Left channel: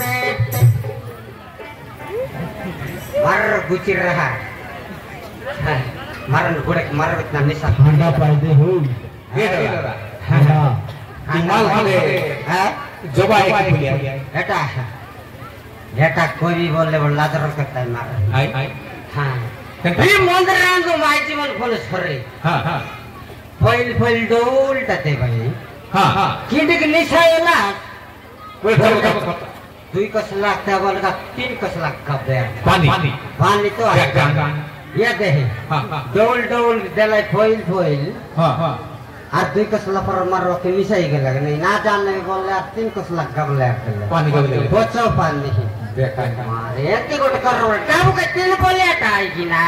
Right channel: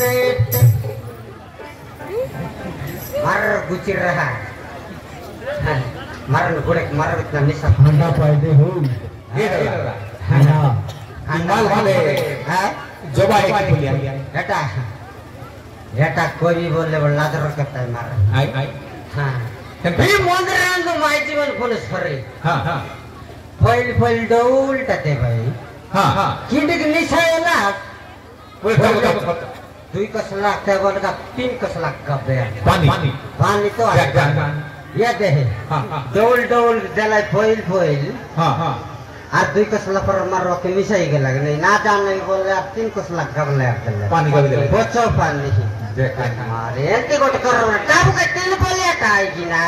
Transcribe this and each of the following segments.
पेट मर गुचर रहा मरन गुड़े मर इतना निशा ठंडा पाइदे हो ये रहा हाँ माल वाले हाँ जब आए कि बोलिए एटा कोई बोले वो लादर करता है मार आई हाँ ये मंदिर रांधो माई जीवन बोले सरे हाँ फैल डोल टते भाई हाँ किंडिक निशा है ना कोई दुई कसला क्या बोलेगा 3 कसला कब दे पानी तो ये दे डोल जलाई फैल আর 2 कसला पर मारो के निशाई के लगे नहीं ना जानने बोले आप 3 कसला कब ले आते पानी कब ले बच्चों पानी देखा मारे एते गोट करो टाबू के 3 बोले आए कि ना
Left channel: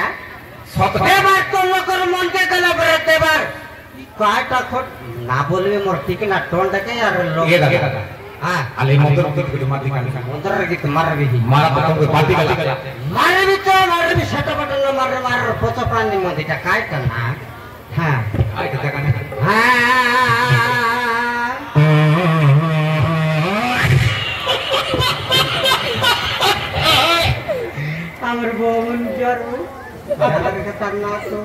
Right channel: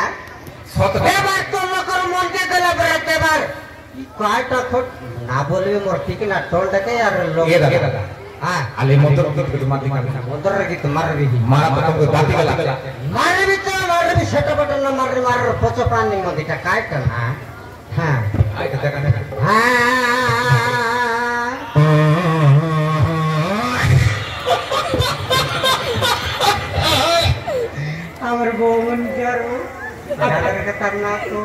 ते बार तो न करो मन के गला बरते बार काटा खोट ना बोले मोर ठीक ना टोल देके यार लोग ये दादा हां आले मोटर के मार दिखा मोटर की तुम्हारे भी मार तो बाती गला मारे भी सेट बटन मार पोचो पानी में दिखा काय करना हां आई तो देखा আমার বউন জড়ো দাদা কথা না তো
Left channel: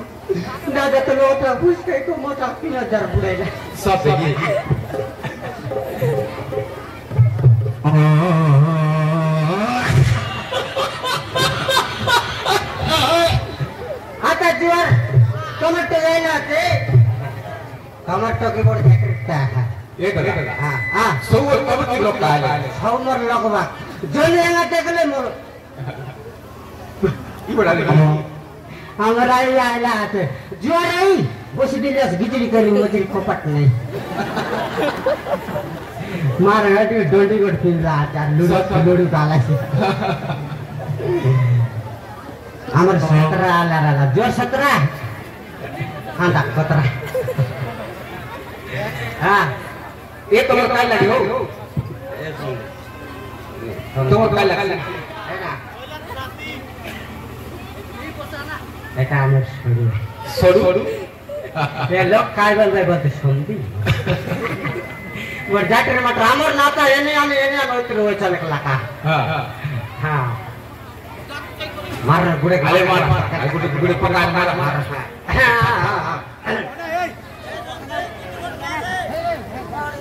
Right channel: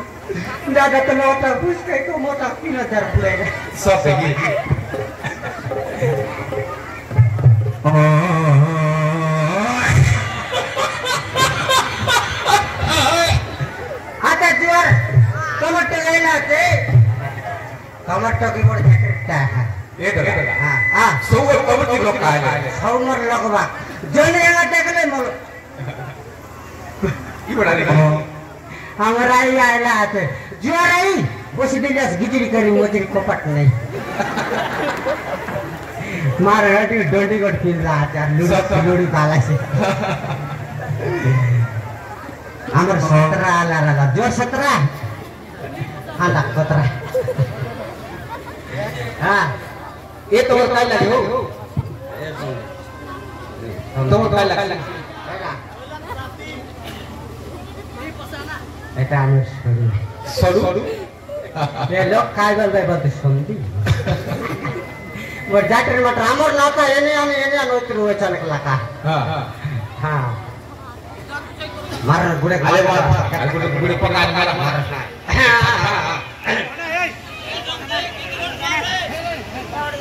দাদা তো মোটা বুঝতে তো মোটা 3000 পুরে যায় সব দেখি আচ্ছা জুয়ার টমেটো লাইনা আছে टमाटो की बड़ जैकेटटा ये तो हां हां सौ कब की लोग का है हमर लगवा जोने एला देखले मोर ई बड़ा ले हमरा आई आला आते जुआर आई बस दिलस गिजरी करी मजरी कोपट नहीं मार हटी डोडी गट फिर रहा था लूडी काला से हमर 17 आला रहा जोर 17 आंदा 17 हाँ ये तो काय लगी हो तो काय लगी এটা আমি সরু ये लोग काय बोलते सुनती वो जाटर मत हमर नाता एने नोत्र हो चलक लका हां हां मार गुड़े अरे मार गुड़े पकान मार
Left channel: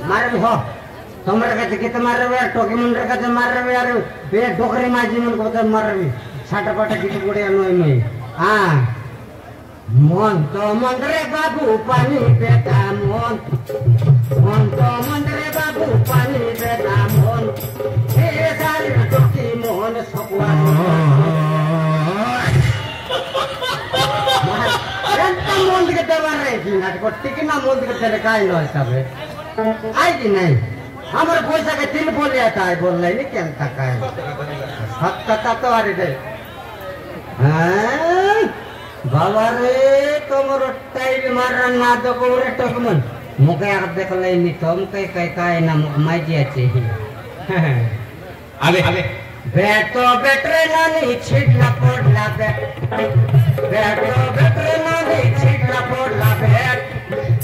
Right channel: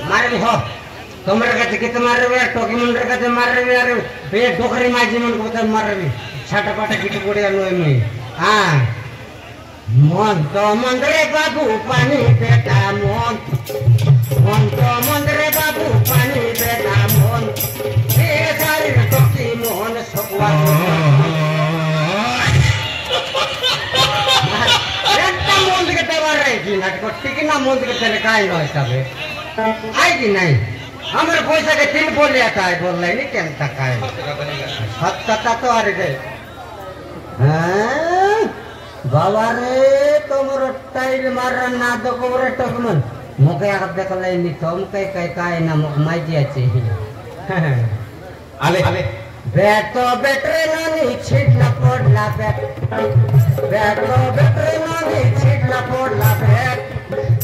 मारे हो कमर का कित मार रे टोकी मुंडर का मार रे यार ये डोकरी माजी मन को मार रे छाटा पाटा किट गुड़े नोय में हां मन तो मंदरे बाबू पानी बेटा मन तो मंदरे बाबू पानी बेटा मन ए सारी टोकी मोहन सकवा एंता मोंद के तवार रे की नाटक टिकना मोंद के चले काय नो हिसाबे आई कि नहीं हमारे पैसा के 3 बोले आता है बोल नहीं क्या तक है सत्ता तो आ रही है बाबा रे तुमरो टाइल मारना ना तो कोरे टकमन मुके यार देख ले नी तुम कई काय ना माई जी अच्छी आले बेटो बेटरे नानी छिड़ना पड़ला बेटो बेटरे नानी छिड़ना पड़ला बेट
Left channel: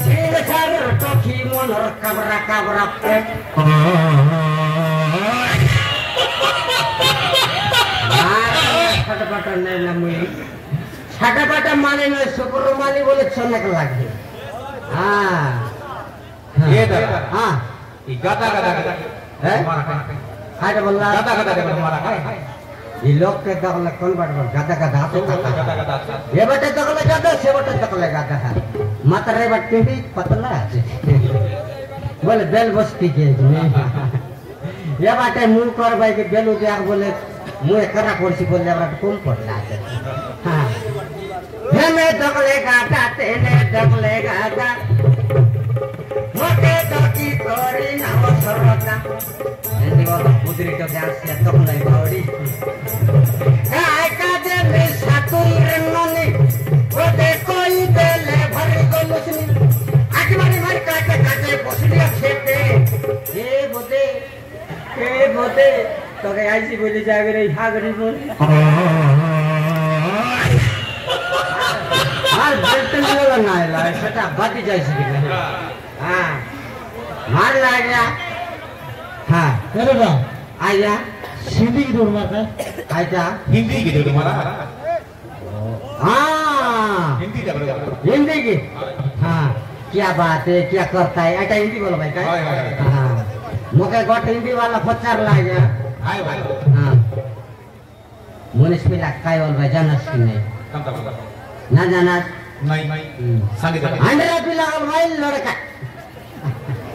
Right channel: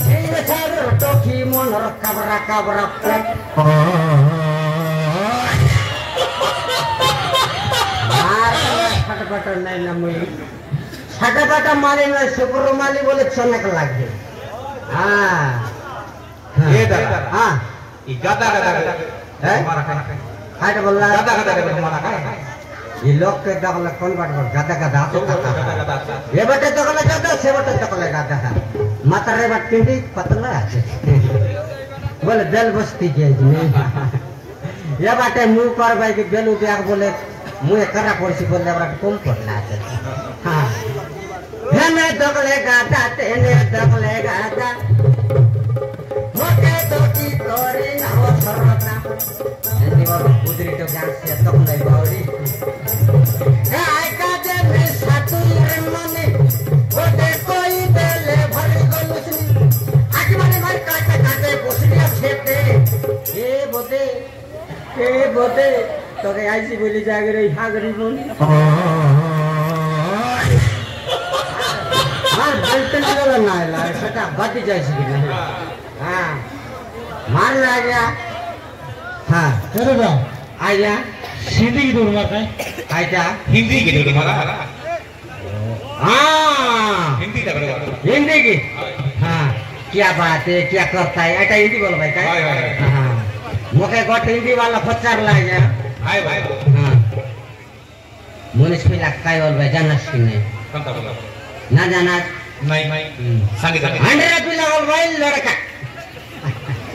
तीन साल टोकी मन कबरा पेट छटपट नहीं ना मुई छटपट मारे न सुपर माली बोले चनक लागे हां ये दादा हां ये गाता है मारा हां बोलला गाता मारा ये लोग के दगल कौन गाता ये बटे दगल गाता से बटे दगल गाता मातरे बट पिंडी पतला बोले बेल बस्ती के ये बाटे मुंह कर भाई के बेलू दिया बोले मुंह करा कोसी बोले हमरा कम पड़ला हां हने दगले गाता तेने दगले गाता मोटे दोटी तोरी ना हो सरवता यदि वो गुजरी तो गांस से तो नहीं बौड़ी काय का दे में सातु रन्नोनी ओ देखो ई बेले भरे को मुसनी आखी मारे काटे पोसलिया खेते के बोते तो के आईसी बोली जागे रे हागरी बोल हां बेल्टन वाला ना आला सेटा बाटी जाई सके हां मार ला गया हां चलो बा आया सिंधी की दूर मारता है काय क्या हिंदी की दे मारा हाँ हिंदी का हिंदी की हाँ क्या बात है क्या करता है ऐसा हिंदी बोलो भाई हाय काय हाय हाँ मुझे गट हिंदी वाला फचार लागे हाय भाई हाँ मुनिस पिला काय बोल भाई जानस की नहीं कम का बोला ना जाना नहीं नहीं संगीत अंडरा पिला बोल भाई लड़का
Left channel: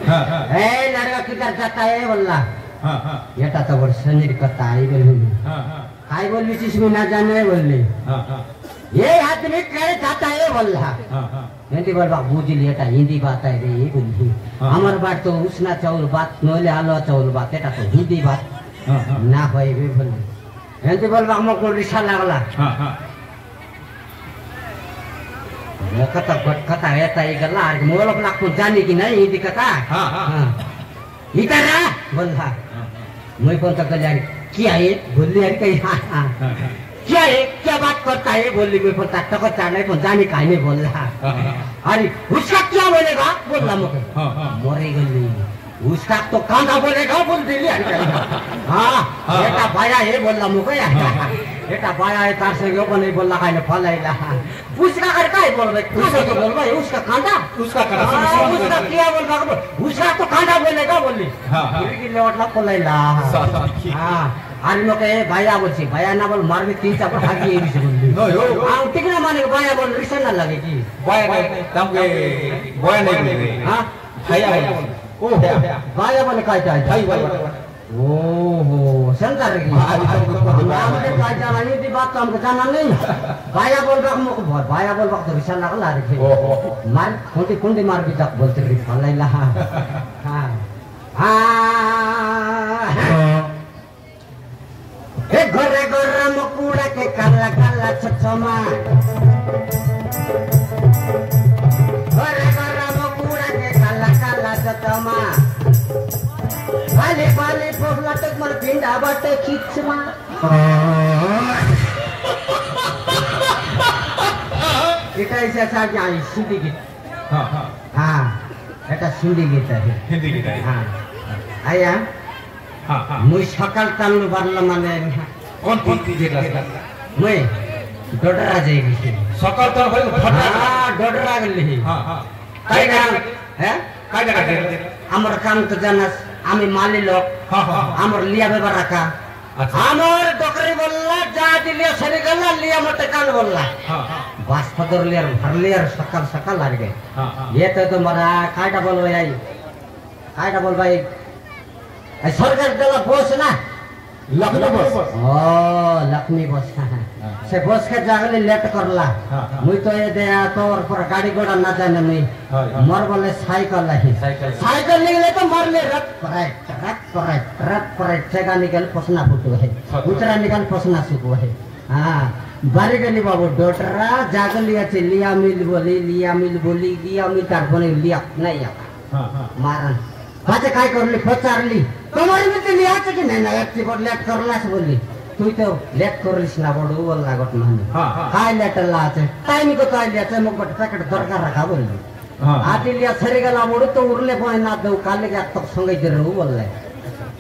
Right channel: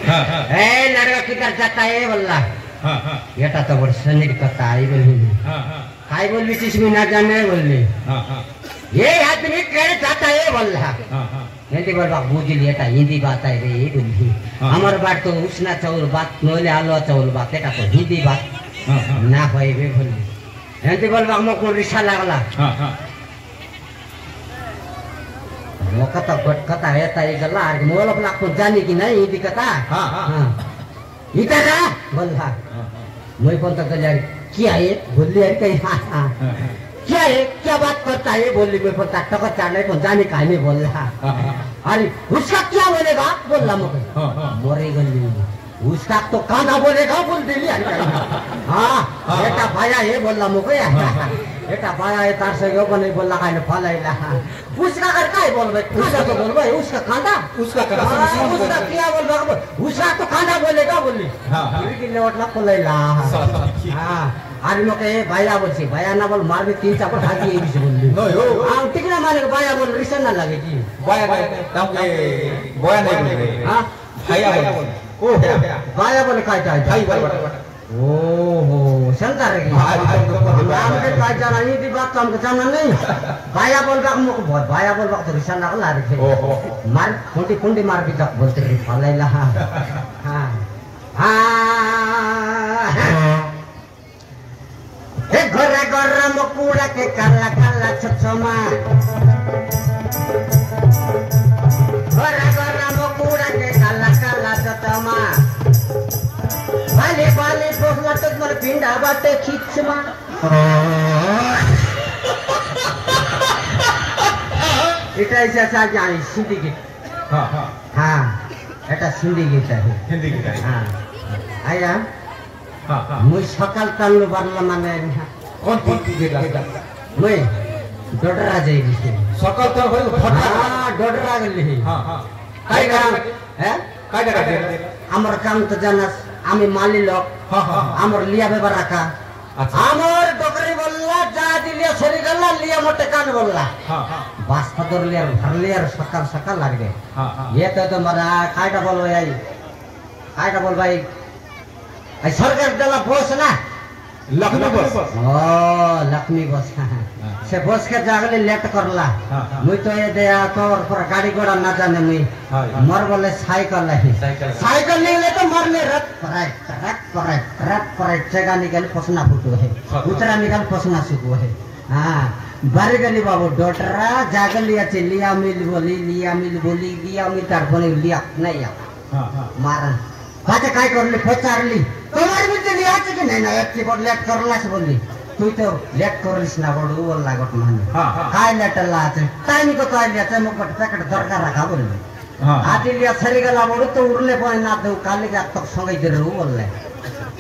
हां हां ए लड़का किधर जाता है बोला हां हां ये तो बड़ सनीर कथा है बोली हां हां काय बोली चीज में ना जाने बोली हां हां ये आदमी कहे जाता है बोला हां हां हिंदी बोलबा बुझ लिया हिंदी बात है रे बोली हमार बात तो उसना चाउल बात नोले आलो चाउल बात एटा तो हिंदी बात हां हां ना होई बे बोली हिंदी बोलबा हमको रिसा लागला हां हां कथा कथा हेता ये गल्ला आर मोल अपना को जानी कि नहीं हिंदी कथा हां हां हां इता का बोला मैं कौन तो जानी क्या है बोली है कहीं हां क्या है क्या बात करता है बोली मेरे को तक चाले को जाने का नहीं बोल रहा अरे उसका क्या बोलेगा बोल रहा मुझे मोरे गली उसका तो कांधा बोलेगा बोल दिली हाँ बेटा भाया है बोल रहा मुझे बेटा भाया है तार से क्यों नहीं बोल रहा है फलाइला उसका करता है बोल भाई उसका तो बोल भाई उसका कांधा उसका करा उसका क्या बोल रहा उसका तो कांधा बोलेगा बोली की लेवट ला फलाइला हाँ आज मैं कहे भाया बोलছি भाया ना बोल मार भी 3-4 पटा की ये से बोल हां ठीक ना माने भाया बोल रिसन ना लगे की भाया नहीं तब के भाया नहीं बोल रहे हां भाया बोल ओ भाया बोल काय काय भाई बोल ओ हो संता रे नाम के काय जाना नहीं थी बात तो हमको जाना नहीं भाया बोल बा हमको भाया बोल बा तो रिसन ना ला रे मार खोटी कुंडी मार भी तक बोलते थे फलाइला हां हां ए गोरे गोरे मकुड़ा के काला काला छछमा गोरे गोरे मकुड़ा के काला काला छछमा वाले वाले पोसला तक मर पिंडा बाटे खिचमा इटा ऐसा सा जानी सिंधी गीत हां हां हां এটা सिंधी गीत है हिंदी की हां आया हां हां मुई सकाल तालु बारला माने कौन कौन की दे रहा मुई डोडरा जाई सकाल तो भाई फटा हां डोडरा गली हां हां काय काम हैं काय जगह আমার কাম তো জানাস আমি মালি লোক हां हां আমার লিয়া বেবার রাখা আচ্ছা আমার ডকরি বললা যা দিলে সরি গেল লিয়া মতে কান বললা हां हां বাস ফদর লিয়ার ধরলিয়ার সকাল সকাল লাগবে हां हां ये तो तुम्हारा कायटा बोल भाई कायटा बोल भाई आई सरकार देला बस ना लखनऊ बस ओ लक्ष्मी बस से बस के जागले लेट करला मुई तो ये दया तोर पर गाड़ी घोड़ा ना जाने नहीं मर बोले साइकिल है साइकिल नहीं ले तो मर ले रट पराई जगह निकल पसना फुटो है उतरा निकल पसना सुको है हां बारी गली बाबू डोटरा जागली আছে লিয়া মিল बोली लिया मिल तार बोली लिया नहीं आ हां हां मारा बाते काय करली पचारली तुम्हारे में तो लिया कि नहीं ना एक बोल लेट करलास बोली तू तो लेट करलिस ना बडू बोल लागत माने हां हां काय लेटला আছে टाइम को तो लिया छै मग पैकेट दरकार रखा बोली हां आती लिया सरी गला बडू तो उरले पय ना दे काले के तक संगे दे रहू बोलले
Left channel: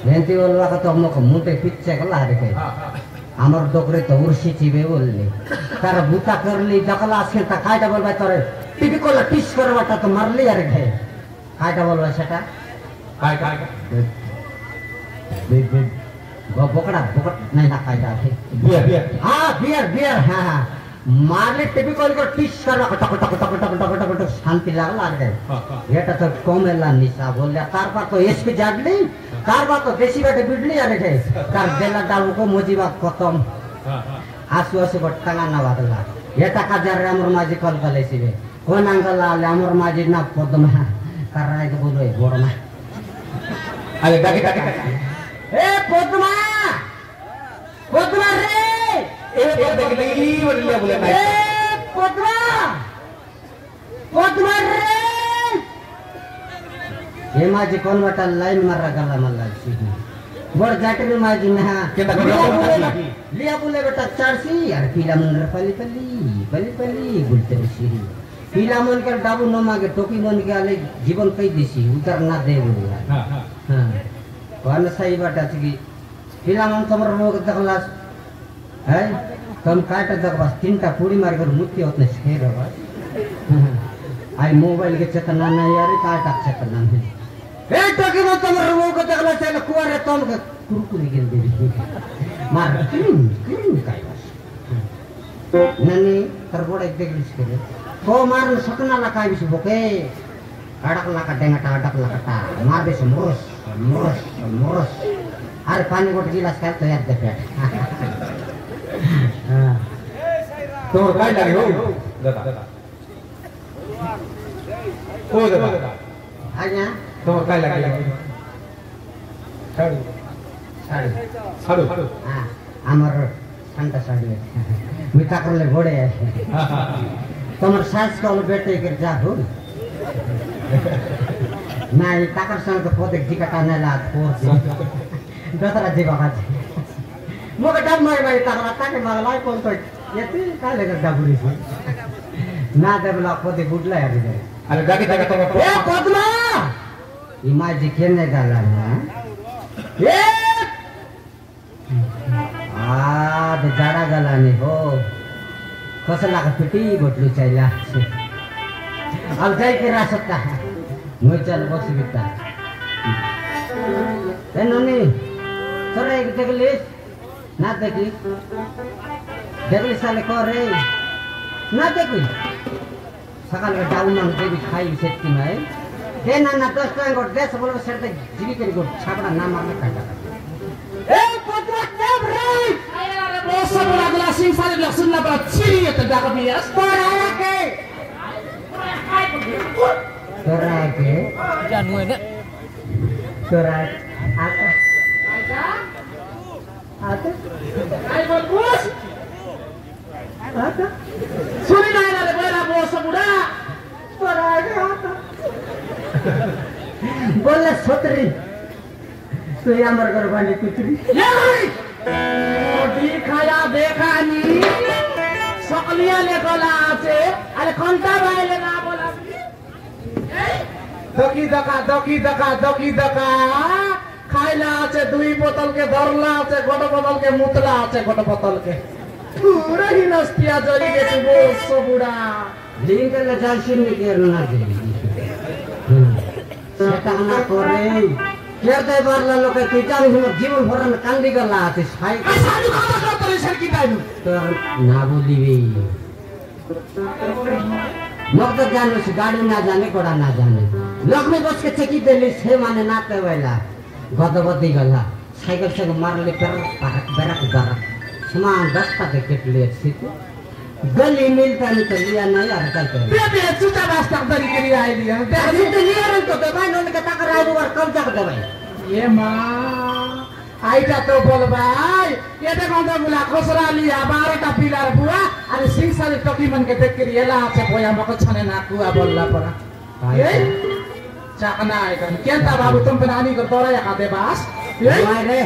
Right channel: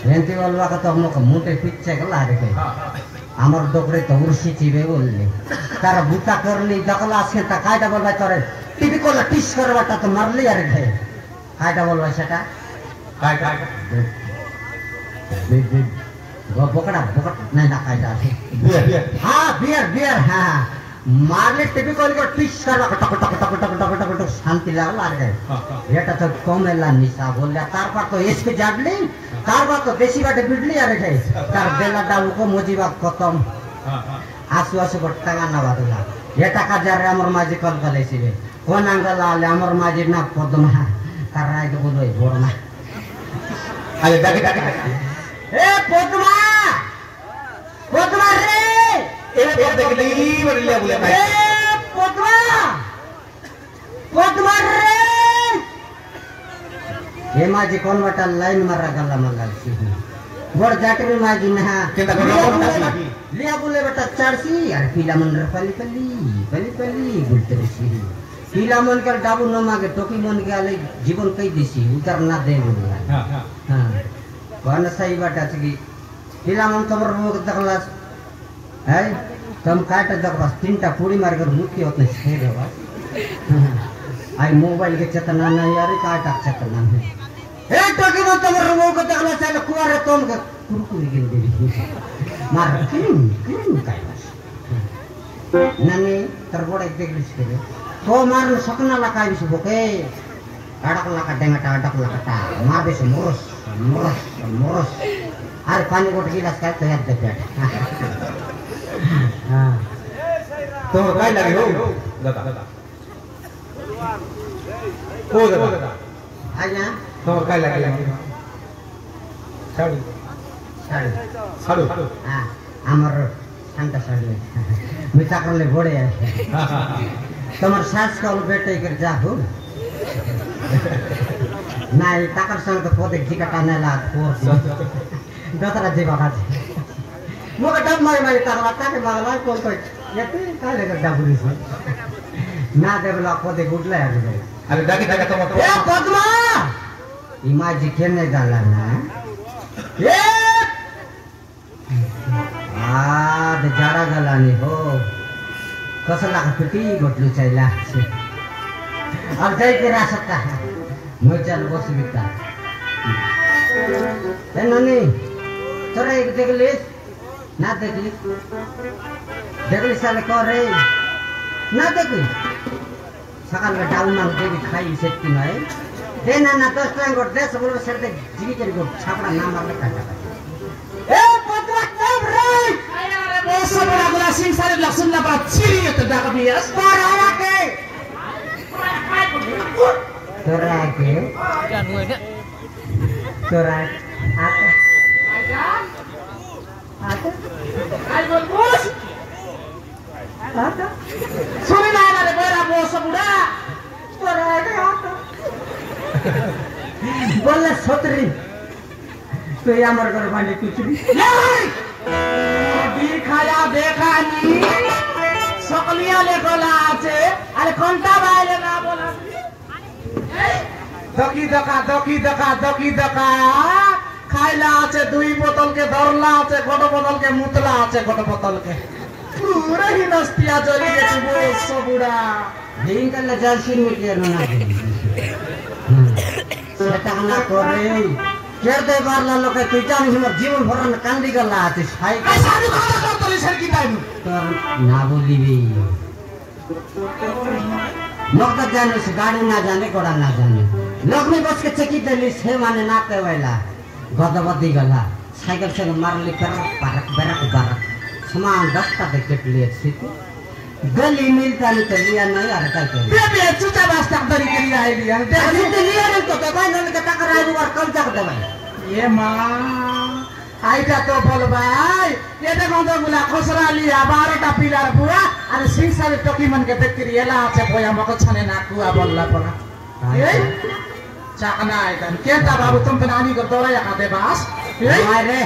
वेंती बोलवा को तो हमको मुंटे पिच्चे गला रे के हां हां আমার দোকরে তো উর্সি চিবে বললি তার বুতা করলি ডাকলা আসে তা কায়টা বলবা তোরে টিপি কলা টিস করবাটা তো মারলি আর ঘে কায়টা বলবা সেটা काय काय বকড়া বকট নাই না কায়টা আছে হ্যাঁ বিয়ার হ্যাঁ মারলে টিপি কল টিস করবা টক টক টক টক টক টক টক শান্তি লাগলা আর ঘে এটা তো কমেলা নিশা বললা তারপর তো এসপি জাগলি তারপর তো বেশি বাটে বিডলি আর ঘে তার বেলা ডালুকো মজিবা খতম हां हां आसु आसु बट्टांगा ना वादला ये टाका जार अमर माझी कल कलेसिबे कोन अंगला आले अमर माझी ना पदमा ताराय तो बोलो बोरमा अरे दागे दागे ए पदमा रे ए दागे दागे बोले बोले भाई ए पदमा रे ये माझी कोन वाटा लाइन मारा गल्ला मल्लाची बोर जाके भी माझी ना केदा लिया बोले बेटा चारसी यार पीला मन पली बोलते रही पीला मन कर डाबू न मागे टोपी मन के आले जीवन कई दिसी उतर ना दे बोले हां हां हां कौन सही बात है कि पिलाम तमर मुख देखलास है तुम काटे देखबास तीनटा पूरी मार कर मुक्ति होत नहीं छेद बस आई मोबाइल के चेतना नहीं यार काटा चेतना नहीं ए टोकी मत तमर मुख देखला चले कुआरे तुम के कुरकुरी गेल देवी मार क्रीम काइलास ननी तरबोड़ एक देखलिस के तो मार सपना लकाई बिस बोके अड़क लका डेंगटा अड़क लकटा मार बिस मुरस मुरस मुरस अरे पानी गोट गिलास का तो याद दे पेट हां तो काय लगे हो दादा हो दादा आया तो काय लगे साड़ी साड़ी साड़ू हां हमर संता साड़ी मिठा कर ले घोड़े तमर सास का बेटे कर जा हो ना ये ताकर संग तो पोते जिका ना ला फोर दतरा जीवा खाती मोके डब माई ताकला ताके मागला कोण तो येते काय लगे डबुरी से ना देबला पोते गुडला है बुझे अरे दागी दागा तो ए पद्मा इमाजी केने जाला ना ए दे जाडा जाला नि हो कसला का पिटी गोटलू चाहिला अब जाई के ना सकता म चल बस बिता ए ननी तोरे एक देखलिस ना देखलिस साले करे ना देखली सकाल में डाउन में देवी खाई सकती मैं दे ना तो स्वयं गोट दे सब लोग सेट जीवी के गोट छापड़ा ना मारने काटा ए पद्मा सब रे अरे बॉस बड़ा बड़ा सिंह सारे लहसुन ना बात चिरी है तो दाका बियास तोरा के तोरा आता आता आई बोल बॉस आता सुनी ना रे मेरा बॉस बुढ़ा तोरा के आता बोले सोतरी तू यामर कर बांडी कुचरी दिखाया देखा नहीं सकलिया ले बोला आचे अरे घंटा बाइले ना बोला दकी दका खाइला आचे दुई बोतल के धरला आचे गोट बोतल के मुतला आचे गोट बोतल के पूरा ही नस्तिया जली के तू बॉस बुढ़ा लिंक ले जालसिन में के ना सेटा ना करे केर दे बारला लोग तू जानी हमर जीवन भर में कांदी गला आते खाई सारू खाता कर तो सर की दाइनु तो ना बोलीबी लोग तो जाने से गाड़ी ना जाने घोड़ा ना जाने लोग में बस के चकी देली से माने नाते वाला गदबदी गला साइकिल से मारली कर बरक समान 10 का टिकट लिए सीट गली मिलता नहीं तो लिया नहीं यार क्या करें बे चुचा रास्ता दरी करी आई लिया अभी तो लिया नहीं तो भाई नन के टकर आई बार कल तक दे भाई ये मां आइटा तो बोल भाई ये देखो तो बोला खोसरा लिया 12टा पिलर पूरा अरे सिंह सारे टकी मन के देख के येला आछे पोया मको छने ना कुआ बोलला परा ये चाकना आइकन केता बाबू तुम पे नानी को तोरा या खाते बास ये मारे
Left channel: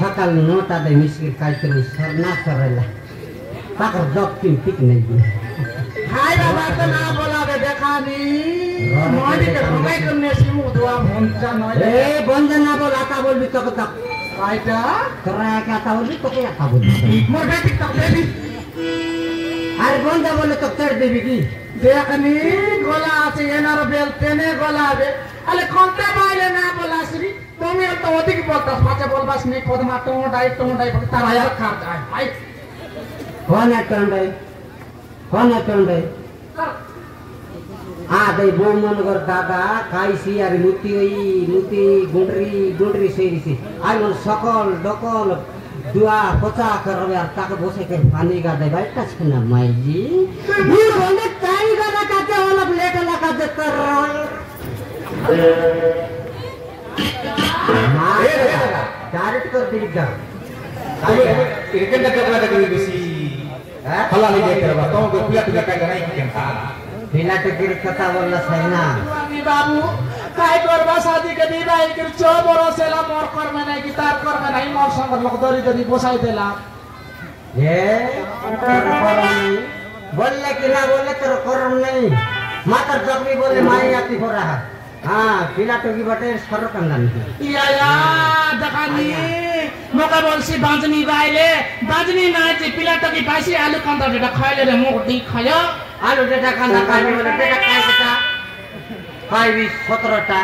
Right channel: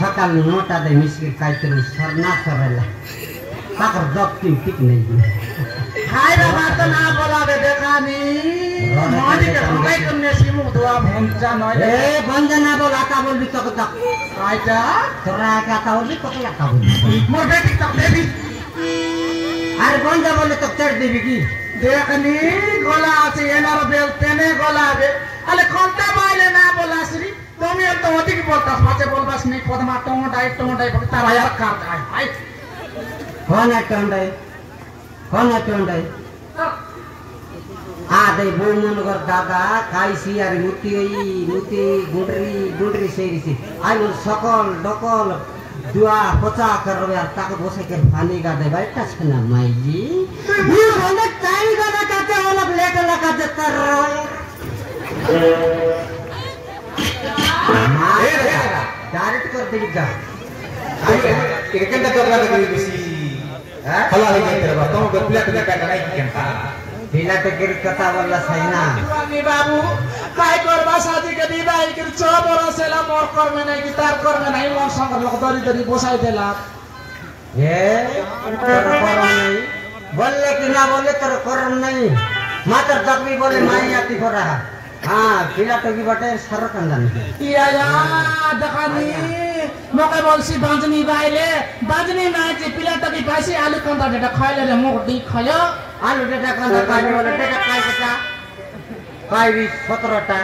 सकाल नोटा दे मिस्त्री काई करू सरना सरला ताकर जब तीन पिक नहीं हाय बाबा तो ना बोला दे देखा नी मानी के भगाई करने सिमु दुआ भंजा नय ए बंजना बोल आता बोल भी तक तक आइटा तोरा के आता बोल भी पके आता बोल मोर बेटी तक देवी अरे बंजा बोले तक चढ़ देवी की देखनी गोला आछे एनार बेल तेने गोला बे अले कोनते बाइले ना बोला श्री তুমি তো অধিক বলতাস মাঝে বলবাস নি কদমা টমোটাই বলি তারা আর কার যায় ভাই कौन टंडे आ दे बो मन कर दादा काई सियारी मुती गुंडरी सेरी से आई मन सकल डकल दुआ पचा कर यार ताके बसे कर पानी गा दे बैठा छना माई जी ये बोले काई दादा काते वाला प्लेट लगा दे कर डायरेक्ट कर दी जा एक घंटा कपड़ा लगी बसी हला हो गई तेरा तो गप्ला तुझे का नहीं केंता बिना टिकट कथा वाला सैना नी बाबू काय करबा शादी के विदाई कर 6 बरस एला मोर कर में नहीं गिटार कर में नहीं मोर संग लोग दरी बसाई देला ये तेरा करम नहीं बोले कि ना बोले तेरा करम नहीं मात्र जबी बोले माई आती हो रहा हां बिना टिकट बटे सर कंदन या देखनी তোকে বলছি বাঁজনি বাইলে বাঁজনি না যে পিলাটা কি পাইছি আলু কান্দা যেটা খাইলে রে মুখ দি খায় আলু যেটা কান্দা পাইবি বলে যেটা খাই সেটা পাইবি 17টা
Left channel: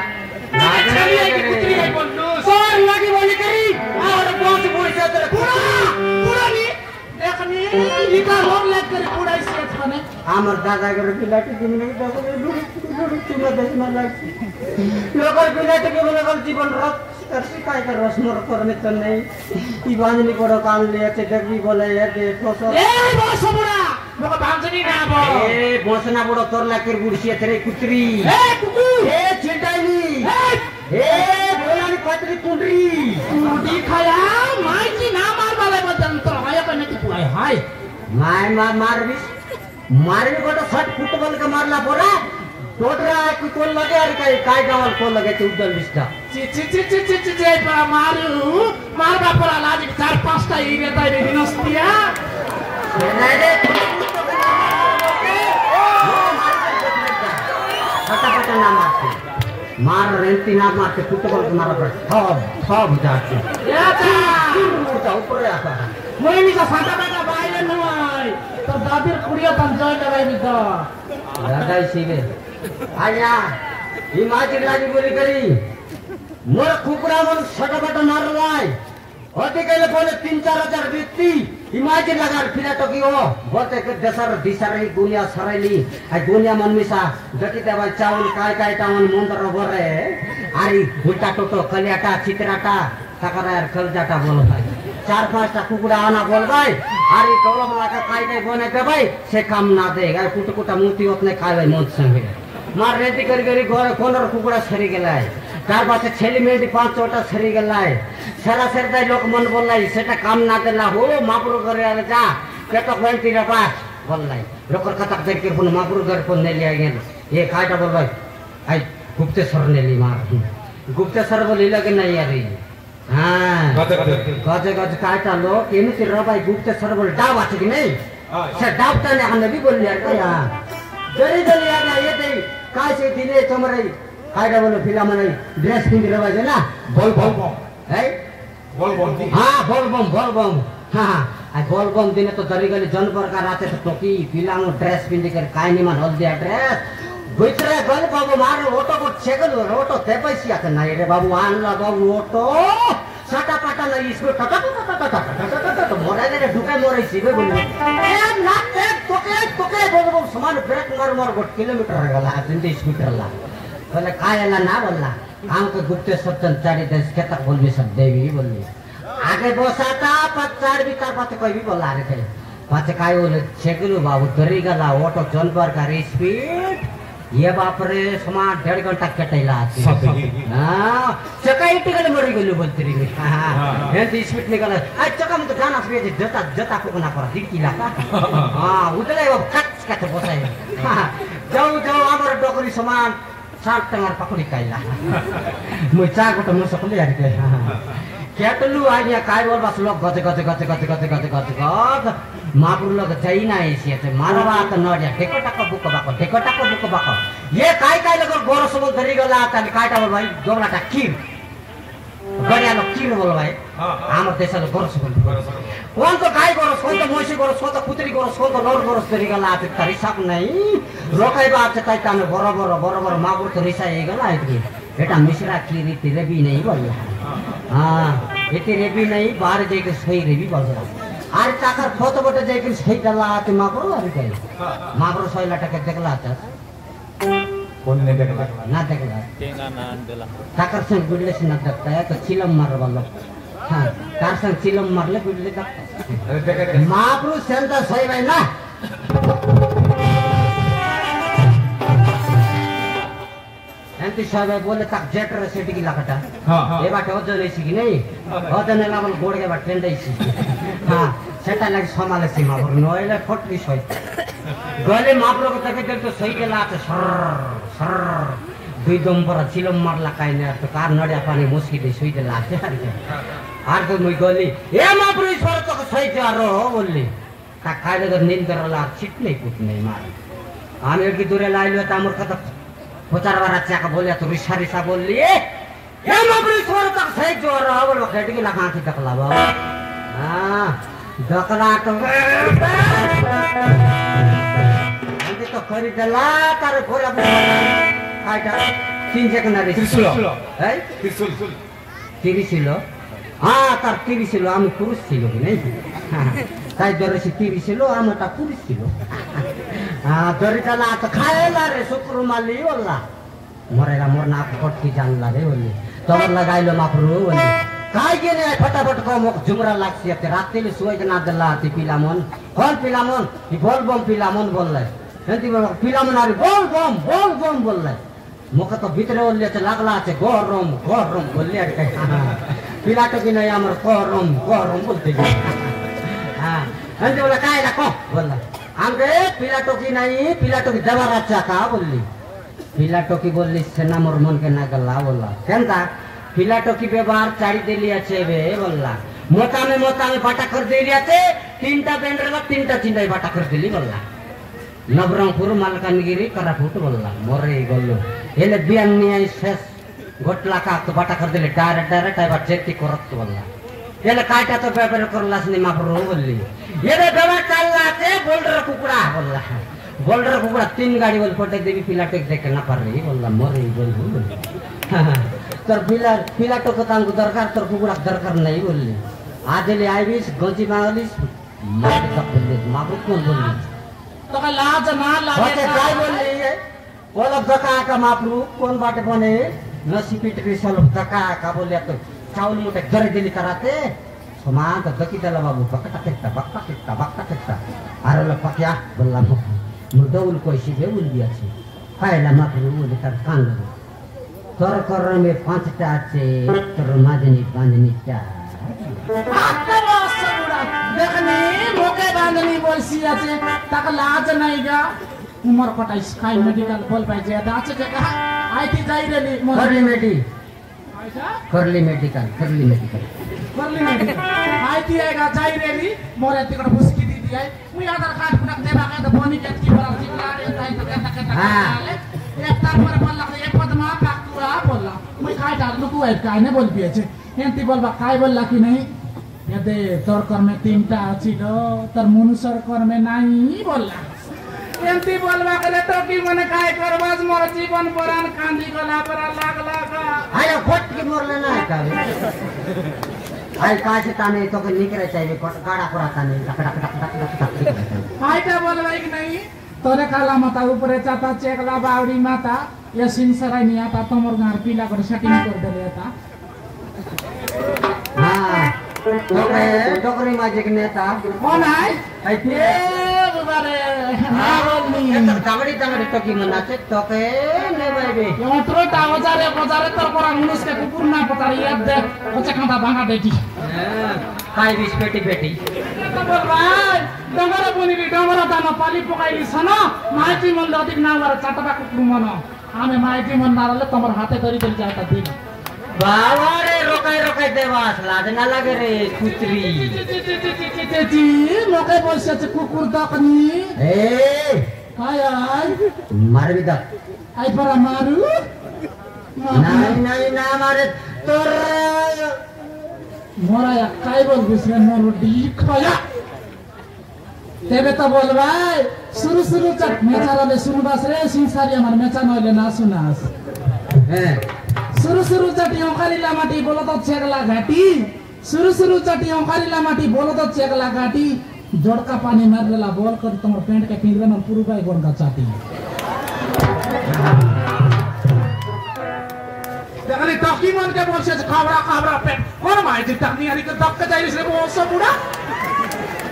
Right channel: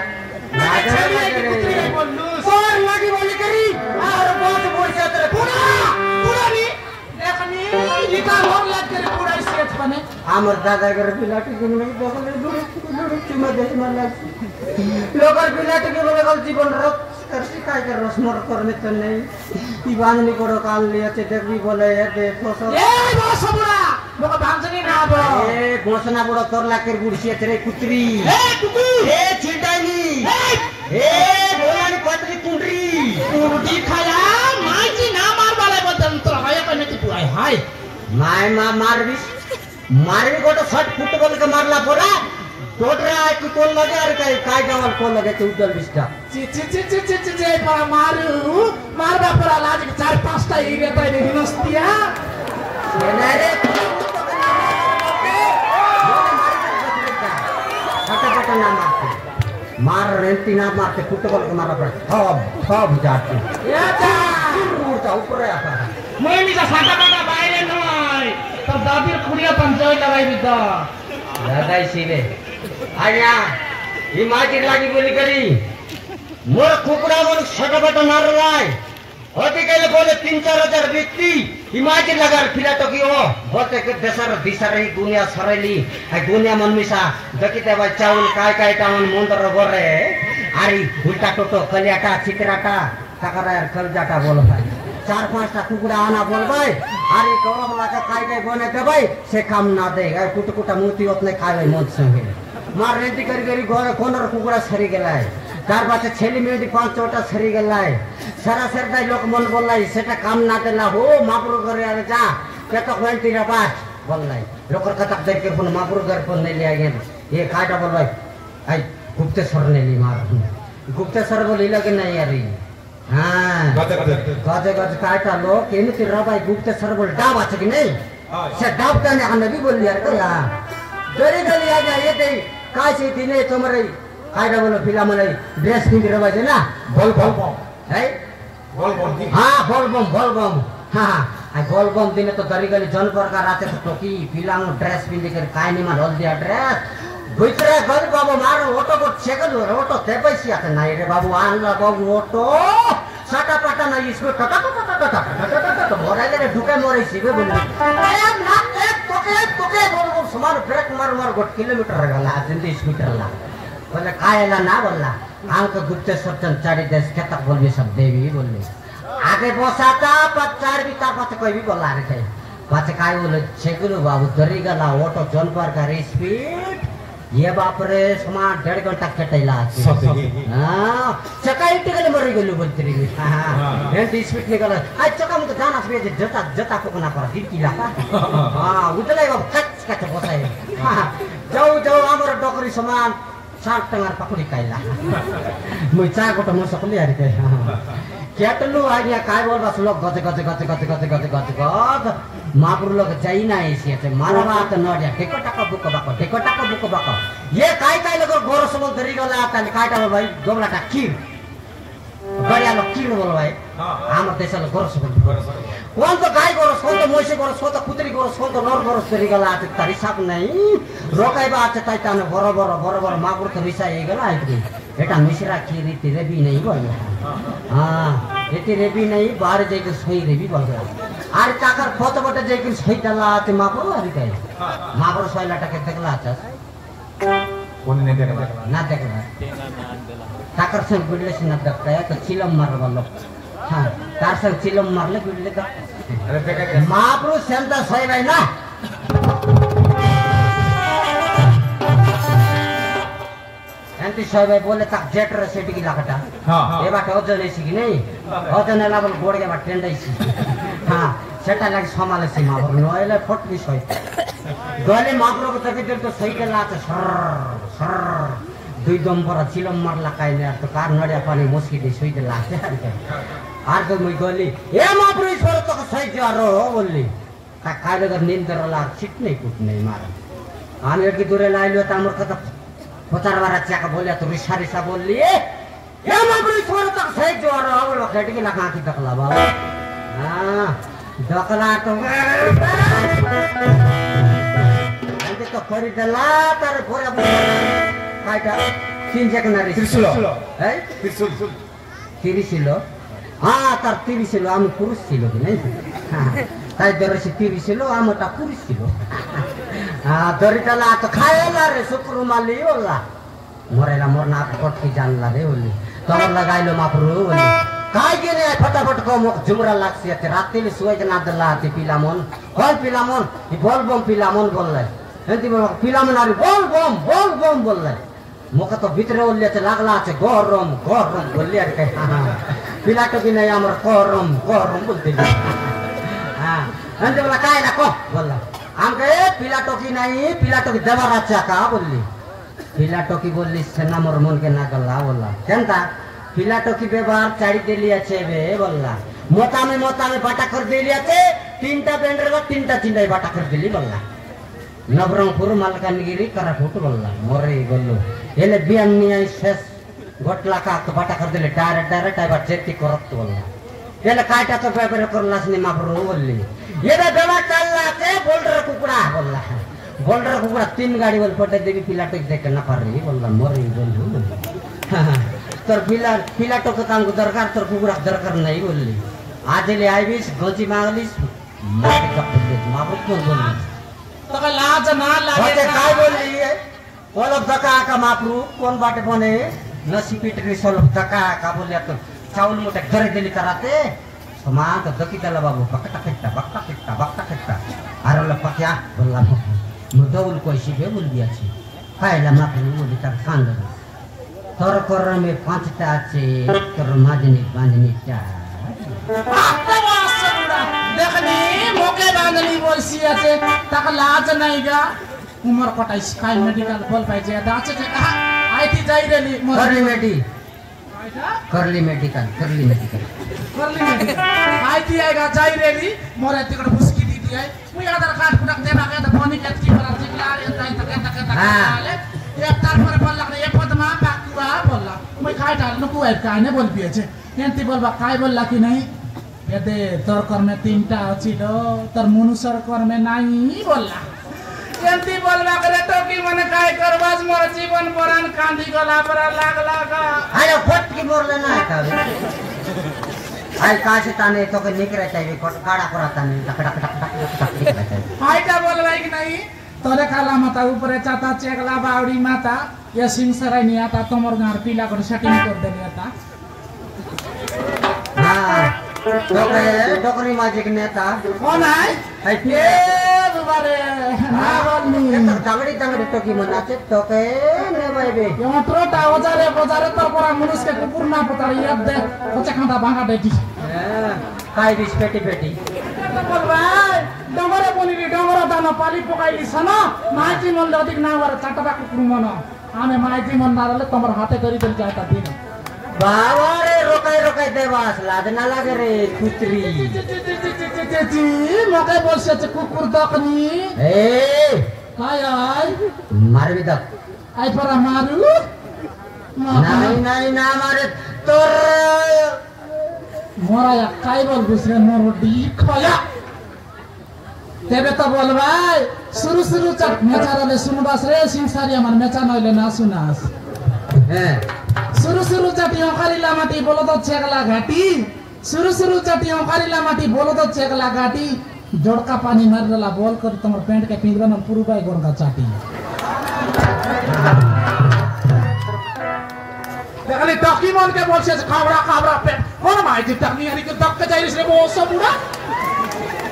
তোর লাগি বলি করি আর বহুত পয়সা তোর পুরানি দেখনি ইটা লোন লাগ করে পুরাইছে এখানে আমার দাদা করে পিলাটি জন্য দখলে দূরে চুমা দেখনা লাগছে লোকের পিলাটিকে বলে গেল জীবন রক তার শিকায় করে রসমর করনে তো নেই কি বাঁধনি বড় কান লিয়েছে দেখবি বলে এতে ফসল এই বসবুড়া লোক বাঁধনি না বল এ বসনা বড় তোর লাকের বুড়ছিয়ে রে কুতরি এ কুকুর এ ছিটাইনি এ ভোলানি পাতরি কুন্ডরি কুটি খায়া মাইজি না মারবালে বদন তো হায়া কনে কি পুরাই হাই মায় মারবি মারবি গোটা শট ফুটবল के मारला पोरा टोटरा की कोल लगे और काय गावल कोल लगे ते उदल बिस्ता ची ची ची ची ची ची जे परा मारबा परा लाज 4-5टा इरे ताई रे हिनस्तिया ये नाही रे फटाफट ना मारते मार रेंटी ना मारते फुटबॉल के मारा पर सब जाते या ता उड़ता ऊपर आता मोइनी का फाटा फाटा बाइले नय तो दादिर कुड़िया पंचाय लगाई बिदा दादाई सीले आया ही माटी लागी बोली करी मोर कुकुरा मोर छटपट मार रहाय होते केले बोले 3-4 हजार व्यक्ति ही माटी लगार फिरा तो की हो बोते के देशर दिशा रही दुनिया सरेली है दुनिया मनमिसा देखिते भाई चावल काय काय टाउन मुंदर बोरे आरी उल्टा टोटो कलियाटा चित्राटा ताकरा यार खलजाटा बोलो भाई 4-5टा कुकुरा आना बोल भाई आरी कौरव लाका काय काय बने दे भाई से काम ना दे गाय कुटकुटा मुती ओतने खाले मोद संगे मार रेडी करी करी घरे कोनर कुकुरा छरी गेलाय तार पाछे छेली मेडी 5-6टा छरी गेलाय सारा सरदाई लोक मन बोललाई सेटा काम ना देला हो मापुर करे आले जा केटा कोंती रे बात बोललाई लोकर कतक देर के फोन मापुर घर फोन ने लिया गेल ये काटा बोल भाई आई गुप्तेश्वर ने ली मार गुप्तेश्वर बोली लगे नहीं यार हां गजे गजे काटा लोग एनु तिर भाई गुप्तेश्वर बोल डाब আছে কি नहीं से डाबता ने हमने भी बोल यार क्या दरी दरी आ ये तेरी काय से दिने तमरे काटा बोलो फिल्म में ड्रेस पिंग रे बाजे ना बोल बोल है बोल बोल हां बोल बम हां आ बोल बम दिने तो दरी गली जन प्रकार आते तो की फिल्म ड्रेस पिंग कर काय नहीं मार दिया ड्रेस भीतर गल बाबू मारो ऑटो को सेकंड हो ऑटो ते पैसे आते नहीं रे बाबू आनला बाबू ऑटो साटा पाटा ना इसको टटा मोरे ले ढुके मोरे सीधे बोली ए ना ए तोके बोल समान ब्रेक मार गोट किलोमीटर गला जिंदगी स्कूटर ला बोले कायला ना बोलला आंक गुप्तेश्वर चंद चाड़ी देश के तक बोलबी सब देवी बोलबी आगे बसाता 5-4 बिता पत कोई भी बोला रे के पाछे काय बोले छेगलू बाबू दरी गला ऑटो जनपर का स्पीड ये बाप रे समा 1.5 घंटा कटैला हां चकाई टिकल मरी गेलु बोलतरी में हां हे स्पीड निकल आ चका में तो गाना से जता को ना पर दिकीला हां उतले कच कच बसाई जाऊ हमर डोकरी समान 7 टंगार पकड़ी काइला मुचा को तो सकले यार के केटलु आइया काय बोल बस लोग गज महापुर लोग जाई ना ऐसे से मारवा त नडिया टेकोटाको बुक बाको ये काय लोग गोर सब दरी गला त काटा भाई गोमलाटा किर गडिया लोग किर बोल भाई हमर देश लोग गोर सब कोन तो गाय गोर कोन तो मोसी गोर कोन तो कुतरी गोर कोन तो नर गोर दरी गला त तरी सब नहीं रोकाई बात त ताने बरोबर महापुर तो रिसा ए गला आइतरी बेटा मिश्रा की रीति रे भी नहीं बोल हां एते रे भी नहीं बाहर जाके सही रे भी बोल আর টাকার কত বটে যাই কি সেইটা লাতে মাপো আর কি মাপর 6 টাকা দেখলা আছে কোন নে দেখলা না দেখলা টাকার সঙ্গে গুড়লে না দেখতা তো চিলম মারবা লোক হ্যাঁ তার সঙ্গে চিলম মারলে গুড়লে দেখ আরে দেখে মাপর সেন্টা সই ভাই না एंटी साहब बोले तक जेट रे सिटी की लाकटा हां ए बाटे ओजन एसी की नहीं ओजन लेवल गोड़ के बाटे टेंड एसी हां सेटा लाग समाले सीमा नोएले फट भी सही गले मापरो को तके तो सही के लात सर दुई दम पर चिलम मारला काइने तो कार नडिया पानी मुस्की दे सुई दे लाते आर को मुई गली ए मापरो ईश्वर तो सही जारो बोलली का खाइले गर नींद करला छिट नहीं कुछ नहीं मार आम एक दूरे लाइलो त हमर कत 4 बार अच्छा बोले तो रिसा बोलली या मापरी छोड़ तक सही जोर रहा वो खेट की लगा की तकला बाबा हाँ दकला तो nanti तो करी डला तारे भोला काटा किंजक नारी त्रिशूल है त्रिशूल तिरिसिलो हाँ तार तिरिसिलो आम पुरुष सिलो नहीं ताई दरसी तिरिसिलो आम ता पुरुष सिलो हाँ दरी डला तो खाए ला रे सुकुर माली ओला मोरेला मोरना पट की जान ला रे ओली तोर लगाई लो मापरू ओली काय गेले फटाफट को जुमरा लागसी ते रात्रीले सुवाई ना दला ती पिलामन कौन पिलामन ई बोल बम पिलामन बोलले हेती पिलामन आरी बोल बम बोलले मोका तो भितरे ओल्ले ते लागला আছে গরম বললি আর কে পিলাটো কি নাই আমার গরম বলতে হ্যাঁ হেতি বলা কাই না কো বললা আঙ্গে পিলাটো কি নাই পিলাটো কি দেবার আছে কা বললি পিলাটো কি বললি সেনা মোর মন কে না গলা বললা কেনটা পিলাটো কি ব্যবহার চাড়ি দেলি আছে বে বললা মোতামে বাটা করে দেলি আছে তিনটা বেন্ডের বা তিনটা চিন্তাই বাটা করে দিলি বললা নবরঙ্গপুর মালকানগিরি কারাফুট বললা মরে গল্লো এলে বিয়ান নিয়ে শেষ গোটলা কাক বাটা করে দিলে ডাইরেক্ট আবার চেতি করত বললা এলে কাইটা তো ব্যবহার করলাস নি মাপরো বললি এলে ব্যবহার চাললা আছে বোল্ডার কুকুরা তিন গাড়ি বল পটে দেবি পিলাটো দেখে না পারলি বললা মরে গল্লো তোর পিলাটো তো তাঙ্গু দরকার তোর কুকুরা দরকার নাই বললি আজ এলে আইবিস গঞ্জি মাগলিস মাটি কাপড় মাপরো কোন বললি तका लाज ना लागे होते काय बोलली ओलब दका का मापरू कोण बाटे बने नसी पिटरी सोलब दका का बोलले तो चावल मोठे घरे दिली कराते समांत दकी त्याला बाबू बकटा किट्टा अरे ला पक्या बोलला मुर्दौल कोशी बे बोलबियाची खायला मापरू बोलली तर सांग तर कर में पांचटा আছে तर माजनी चा देखनी मोके बांधली बोलसी আছে তাকে লাজ নাই গা উমর কটাই স্কাই মেডিকেল বল পাইছে দাঁচে যে আইটি যাই রেলি करली मेडिकल आईटी आएगा जाई रेली मोरे तिकड़ फुसकी दी दिया मुई आधार कार्ड पुनक देबा के तो बनी के की बरा जिकला ताई तो कहता एक तार पर बोलला ये पदमा बाकुआ बोलला मुई खाई डाल नको आइ काय ने बोल पिए छे एंती बोलबा काय बोलला कि नहीं यदे तोर कर में तीनटा अछिलो तोर मनुष्यर कर में नाही बोलला एंती बोलबा करे तो की मने काय करबाज मोर जीवन परान कांदी गला पर लागला का आयो फट की मोरले ना का आई कासे ताने तो के निकरे चाहिए फट काड़ा कराता नहीं टक आईटा बोलबा कि नहीं तोरे काला माता ऊपर चाता चेकला बावड़ी माता या सिंह सराय नहीं आता तमर गार पीला कर सेटिंग कर देले आता हां डोकरी माजिक नेता कौन है ये बारे ना बोलनी तगड़ी तो की मनाते तो के नहीं बाबे यंत्रो ता बजारे तर परा मुनिस के कुकुर ना पता याद दे कोचा खांदा भागा देती काय बिस पेटी तो बोल भाई डंगरा बनी रे डंगरा दाना पाली पकाइली छ न माइती मन दतिक ना मार चाटबा कुकुर मन आमे माइती मन नाले तमर हाथे करी देल जाता दिन बाबा रे रोकाई देवास लाज ना लागे रे पुत्री जी मके बोलसे छ कुकुर दकनी ए काय आय मारबी द आई परा मारू नहीं ना मारे तोर मोरा या काय बोल गुसरे मोर डी खाया तेबे तो बोल भाई शुरू चट मेचाराले सुनबास रे सिंसारी हमर मेचा नले ना सुनास शुरू चटियों खालीला माटी बोलो तो चेगला घाटी शुरू चटियों खालीला माटी बोलो तो चेगला घाटी जोड़का पानी मारला बोल कर तमर पेंट के पिंजरा में पुरु बाई गोंदा चाटी देखली टकी मन के बोल से खाबरा पेट कोन माइती टकी यानी के दक्का जाइस रे वो सब बुढ़ा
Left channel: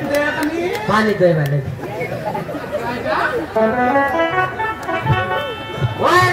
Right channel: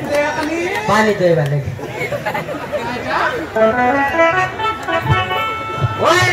देखली पानी दे वाले ओए